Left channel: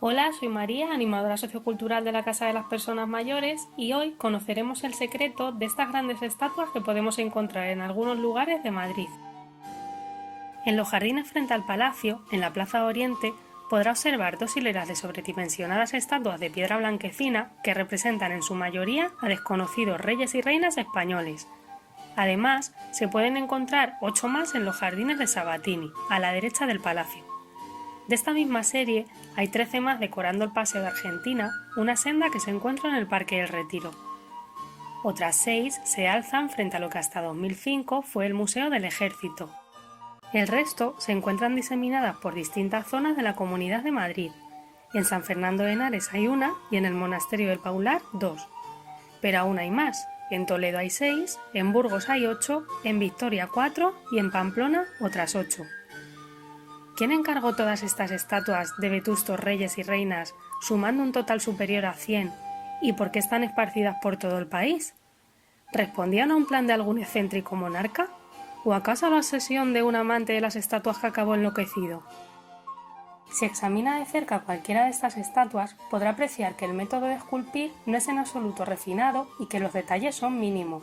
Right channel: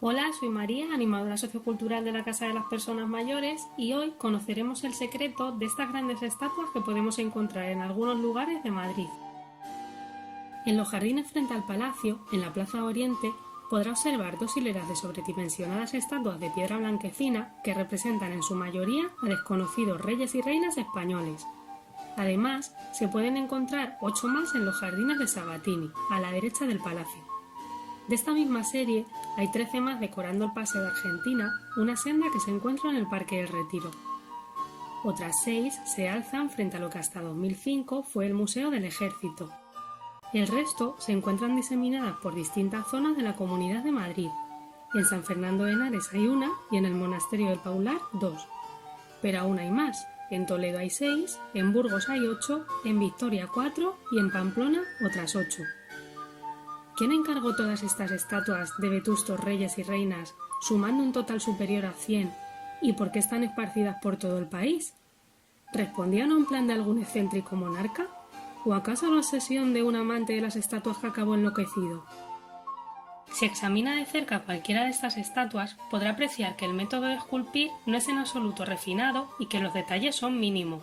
Hola, soy María, animadora sociocultural de la Casa de las Personas Mayores, y hoy conoceremos el secreto de estas grandes estatuas que podemos encontrar en algunos lugares de Madrid. En los jardines frente al palacio, en la Plaza Oriente, podrá observar dos hileras de sobredimensionadas estatuas de piedra blanquecina que representan en su mayoría a desconocidos reyes y reinas españoles. Además, se pueden encontrar 8 más en los jardines de Sabatini, a la derecha del palacio. De esta misma serie hay 13 más decorando el Paseo de Argentina, una senda que se encuentra en el Parque del Retiro. Otras 6 se alzan frente a lo que hasta 2005 fue el Museo del Ejército. El resto se encuentran diseminadas por distintas zonas de la Comunidad de Madrid. En San Fernando de Henares hay una y en el Monasterio del Paular 2. Pero aún hay más. En Toledo hay 6, en Burgos hay 8, en Vitoria 4 y en Pamplona otras 8. ¿Quién encargó todas estas estatuas de vetustos reyes y reinas, sumando un total superior a 100, y por qué están esparcidas por todo el país? ¿Respondían a un plan de algún excéntrico monarca? ¿O acaso a la obsesión de un amante de las estatuas que acabó enloquecido? Si examina de cerca cualquiera de estas estatuas, podrá apreciar que el método de esculpir no es en absoluto refinado y que los detalles son mínimos.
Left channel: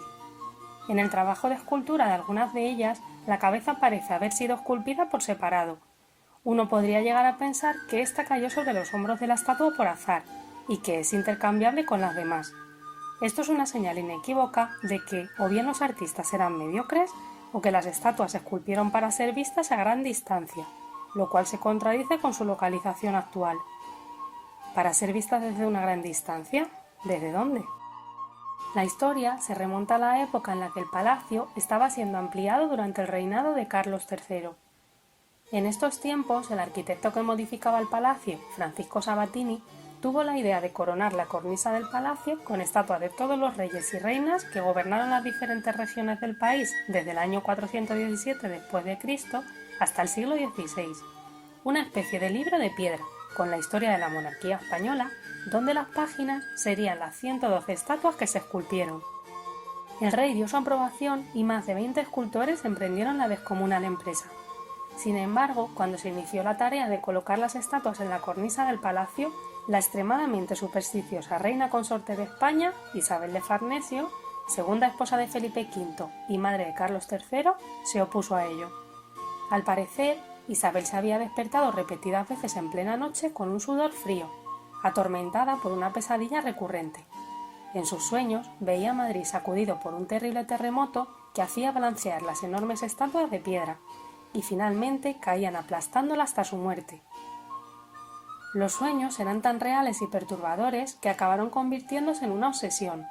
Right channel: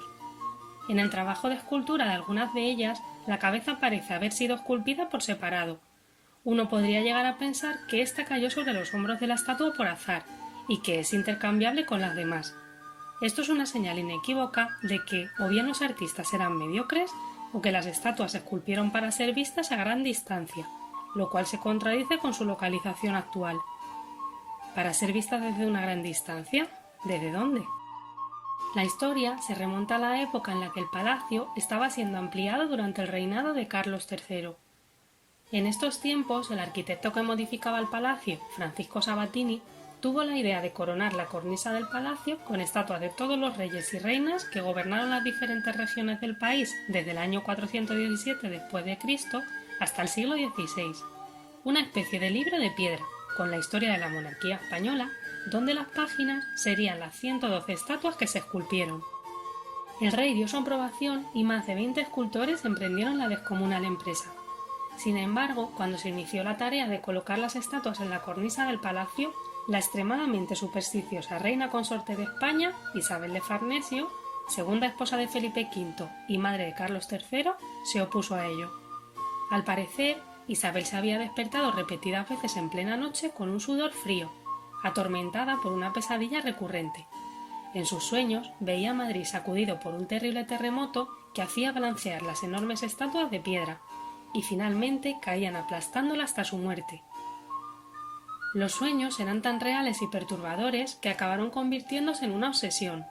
En el trabajo de escultura de algunas de ellas, la cabeza parece haber sido esculpida por separado. Uno podría llegar a pensar que ésta cayó sobre los hombros de la estatua por azar y que es intercambiable con las demás. Esto es una señal inequívoca de que o bien los artistas eran mediocres o que las estatuas se esculpieron para ser vistas a gran distancia, lo cual se contradice con su localización actual. ¿Para ser vistas desde una gran distancia? ¿Desde dónde? La historia se remonta a la época en la que el palacio estaba siendo ampliado durante el reinado de Carlos III. En estos tiempos, el arquitecto que modificaba el palacio, Francisco Sabatini, tuvo la idea de coronar la cornisa del palacio con estatuas de todos los reyes y reinas que gobernaron las diferentes regiones del país desde el año 417 después de Cristo hasta el siglo XVI. Una especie de libro de piedra, con la historia de la monarquía española, donde las páginas serían las 112 estatuas que se esculpieron. El rey dio su aprobación y más de 20 escultores emprendieron la descomunal empresa. Sin embargo, cuando se inició la tarea de colocar las estatuas en la cornisa del palacio, la extremadamente supersticiosa reina consorte de España, Isabel de Farnesio, segunda esposa de Felipe V y madre de Carlos III, se opuso a ello. Al parecer, Isabel se había despertado repetidas veces en plena noche con un sudor frío, atormentada por una pesadilla recurrente. En sus sueños veía a Madrid sacudido por un terrible terremoto que hacía balancear las enormes estatuas de piedra, y finalmente caían aplastándola hasta su muerte. Los sueños eran tan reales y perturbadores que acabaron convirtiéndose en una obsesión.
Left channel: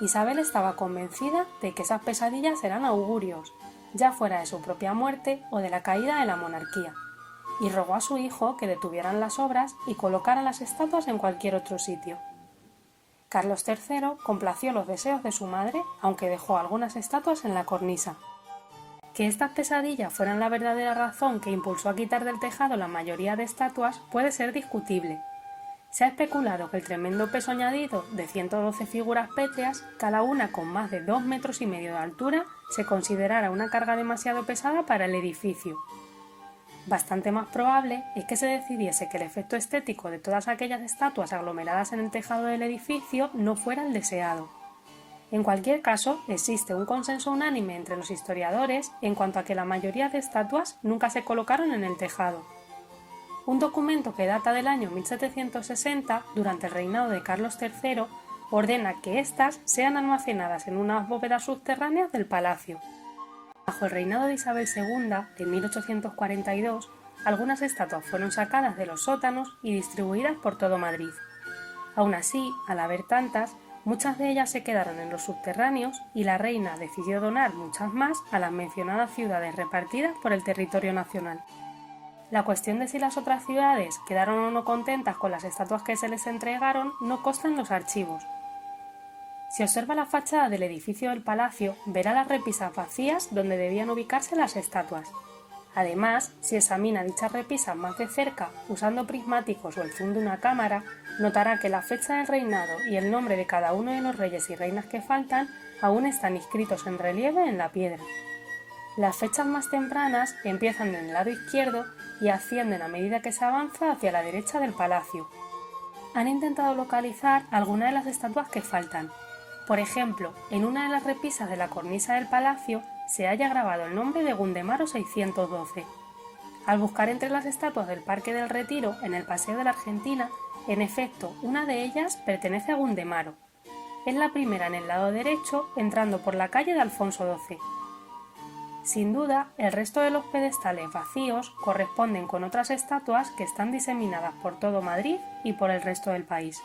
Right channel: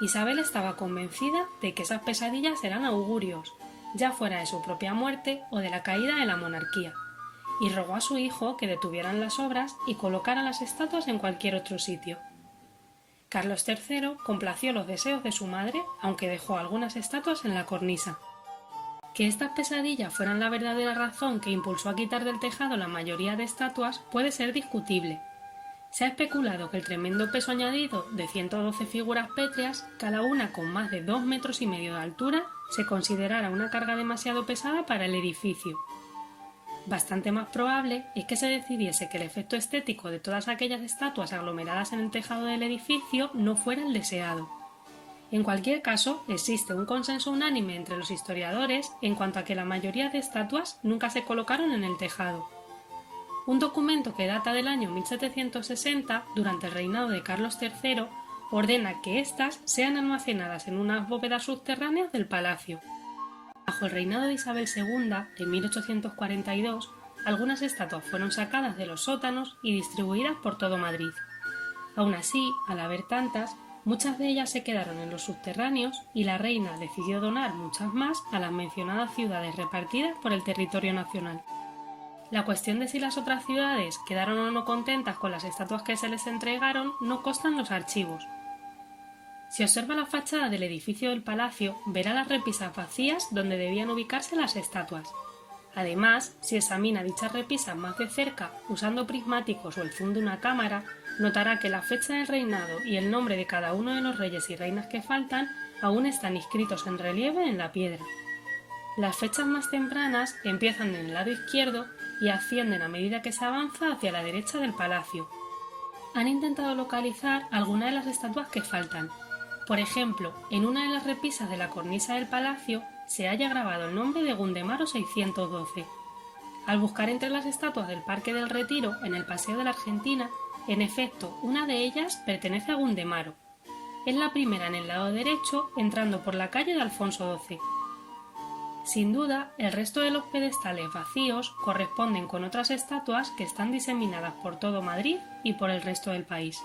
Isabel estaba convencida de que esas pesadillas eran augurios, ya fuera de su propia muerte o de la caída de la monarquía, y rogó a su hijo que detuvieran las obras y colocaran las estatuas en cualquier otro sitio. Carlos III complació los deseos de su madre, aunque dejó algunas estatuas en la cornisa. Que estas pesadillas fueran la verdadera razón que impulsó a quitar del tejado la mayoría de estatuas puede ser discutible. Se ha especulado que el tremendo peso añadido de 112 figuras pétreas, cada una con más de 2,5 metros de altura, se considerara una carga demasiado pesada para el edificio. Bastante más probable es que se decidiese que el efecto estético de todas aquellas estatuas aglomeradas en el tejado del edificio no fuera el deseado. En cualquier caso, existe un consenso unánime entre los historiadores en cuanto a que la mayoría de estatuas nunca se colocaron en el tejado. Un documento que data del año 1760, durante el reinado de Carlos III, ordena que éstas sean almacenadas en unas bóvedas subterráneas del palacio. Bajo el reinado de Isabel II, en 1842, algunas estatuas fueron sacadas de los sótanos y distribuidas por todo Madrid. Aún así, al haber tantas, muchas de ellas se quedaron en los subterráneos y la reina decidió donar muchas más a las mencionadas ciudades repartidas por el territorio nacional. La cuestión de si las otras ciudades quedaron o no contentas con las estatuas que se les entregaron no consta en los archivos. Si observa la fachada del edificio del palacio, verá las repisas vacías donde debían ubicarse las estatuas. Además, si examina dichas repisas más de cerca usando prismáticos o el zoom de una cámara, notará que la fecha del reinado y el nombre de cada uno de los reyes y reinas que faltan aún están inscritos en relieve en la piedra. Las fechas más tempranas empiezan en el lado izquierdo y ascienden a medida que se avanza hacia la derecha del palacio. Han intentado localizar algunas de las estatuas que faltan. Por ejemplo, en una de las repisas de la cornisa del palacio se halla grabado el nombre de Gundemaro 612. Al buscar entre las estatuas del Parque del Retiro en el Paseo de la Argentina, en efecto, una de ellas pertenece a Gundemaro. Es la primera en el lado derecho, entrando por la calle de Alfonso XII. Sin duda, el resto de los pedestales vacíos corresponden con otras estatuas que están diseminadas por todo Madrid y por el resto del país.